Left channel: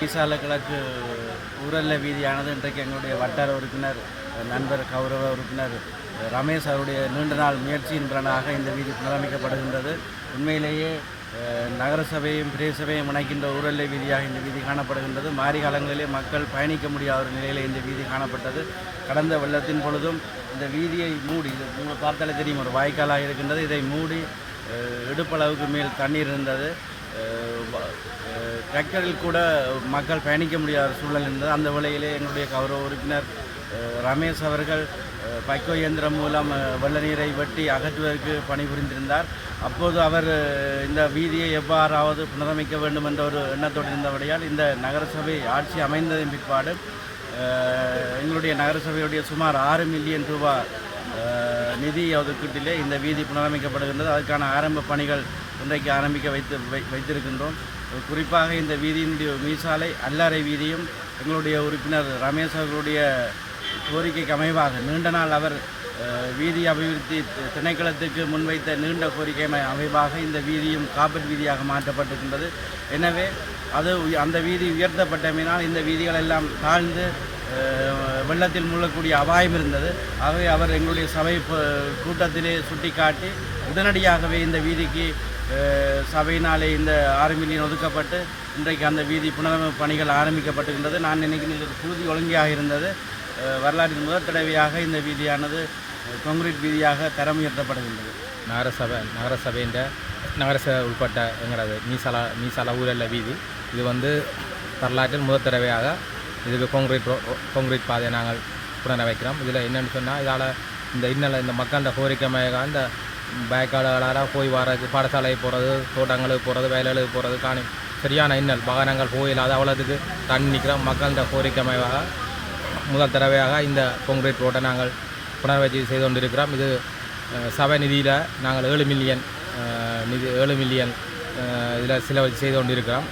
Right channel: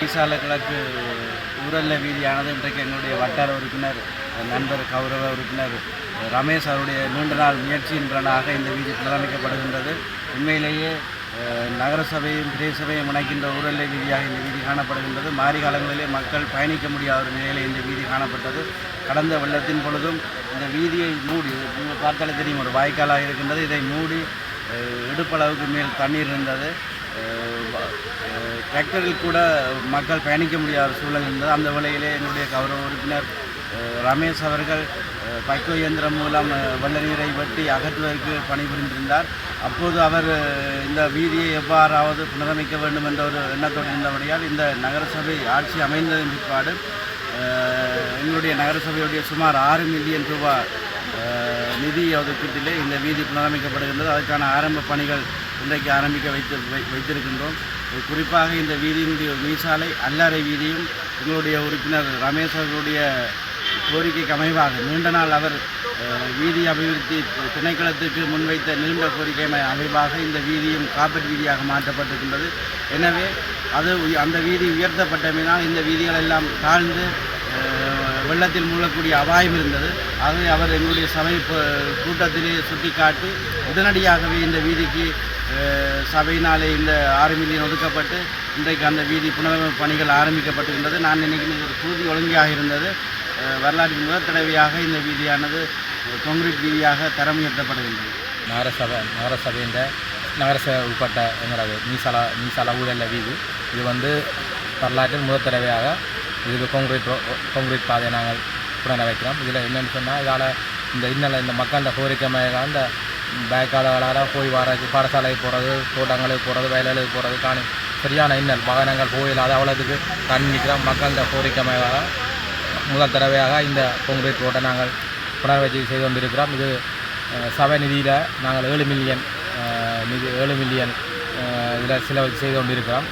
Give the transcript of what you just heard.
மீசால கிழக்கு ஊரல்ல வீதியானது இன்றைக்கு என்னுடைய வட்டார உறுப்பினர் நண்பர் கௌரவ உறுப்பினர் ரமேஷ் அவருடைய நீண்ட நாள் முயற்சியின் பலனாக இந்த வீதி புனரமைக்கப்படுகின்றது. உண்மையிலேயே நகரசபையும் பிரதேசபையும் இணைக்கின்ற ஊரல்ல வீதியாக இந்த வீதி காணப்படுகின்றது. மாரி காலங்களிலே மக்கள் பயணிக்க முடியாத ஒரு நிலையில் இந்த வீதி காணப்பட்டது. கடந்த வெள்ளத்தின் பொழுதும் இந்த வீதியை மூடி, நீங்கள் பார்த்தாலே தெரியும், ஒரு வாய்க்காலாக இருக்கின்றது. இதை மூடி இடுப்பளவுக்கு மேல் தண்ணீர் இருந்தது. டிராக்டரில் கூட மக்கள் பயணிக்க முடியாத சூழல் இருந்தது. அந்த வேளையிலே என்னுடைய கௌரவ உறுப்பினர் ரமேஷ் அவர்கள் பைக்கோ இயந்திரம் மூலம் வெள்ள நீரை வெட்டி அகற்றுவதற்கு பணிபுரிந்திருந்தார். அப்போது அவர் இந்த வீதியை எவ்வாறாவது புனரமைக்க வேண்டும் என்ற ஒரு எண்ணத்தோடு இருந்தபடியால் இந்த நகரசபை ஆட்சி அமைந்ததன் பிற்பாடு எங்களுடைய நகரசபையுடைய சுமார் 6 மில்லியன் ரூபாய் நிதி ஒதுக்கீட்டிலே இந்த வீதி புனரமைக்கப்படுகின்றது. அதற்கான ஆரம்ப பணிகள் இன்றைக்கு ஆரம்பிக்க வைத்திருக்கின்றோம். குறிப்பாக இந்த வீதியினுடைய மீசாலை அல்லாரை வீதியும் எங்களுடைய உறுப்பினர் ரமேஷ் அவர்களுடைய கோரிக்கைக்கு அமைவாக நீண்ட நாள் அவர் வீதி அபிவிருத்தி திணைக்களத்துக்கு முன்வைத்த நீண்ட கோரிக்கை அமைவாக இந்த வீதியும் காப்பீட்டு வீதியாக மாற்றப்பட்டிருக்கின்றது. எனவே அந்த வீதி உயர்த்தப்பட்டமையினால் இந்த வீதிகள் எல்லாம் தாழ்ந்து வெள்ளத்தில் மூழக்கூடிய அபாயம் இருந்தது. ஆகவே அவர் எங்களுடைய சபை கூட்டத்திலே சுட்டிக்காட்டி உடனடியாகவே இந்த வீதிக்கு சபையினாலே இந்த 6 மில்லியன் ஒதுக்கப்பட்டு இன்றைக்கு அந்த வீதி புனரமைப்பு பணிகள் ஆரம்பிக்கப்பட்டிருந்தது. நான் நினைக்கிறேன் இது குருதி ஒழுங்காக இருந்தது. வரலாற்றின் முதல் தடவையாக இந்த வீதியானது கான்கிரீட் வீதியாக தரம் உயர்த்தப்படுகின்றது. நகரசபையின் நகரசபை உட்பட்ட எங்களது மீசால ஊரல்ல வீதி இது வரலாற்றில் முதல் தடவையாக இதுக்கு கான்கிரீட் பாதையை நாங்கள் புனரமைக்கிறோம். இதில் என்னென்னு சொன்னால் இதால் இந்த மக்கள் கோரிக்கையாக இந்த பேக்காளர்களால் போய் வர்றது, பாடசாலை போகிறது, தோட்டங்களுக்கு போகிறது, வயல்களுக்கு போகிறது சரியான இன்னல் வாகனங்கள் போயில்லாத அவ்வளோத்துக்கு தண்ணி நிற்கிறோம். மக்கள் கோரிக்கையாக முதல் தடவையாக இந்த கான்கிரீட் ரோட்டை நாங்கள் புனரமைச்சு செய்து கொண்டிருக்கிறோம். இது சபை நிதியில் நாங்கள் 7 மில்லியன் இதில் செலவு செய்து கொண்டிருக்கிறோம்.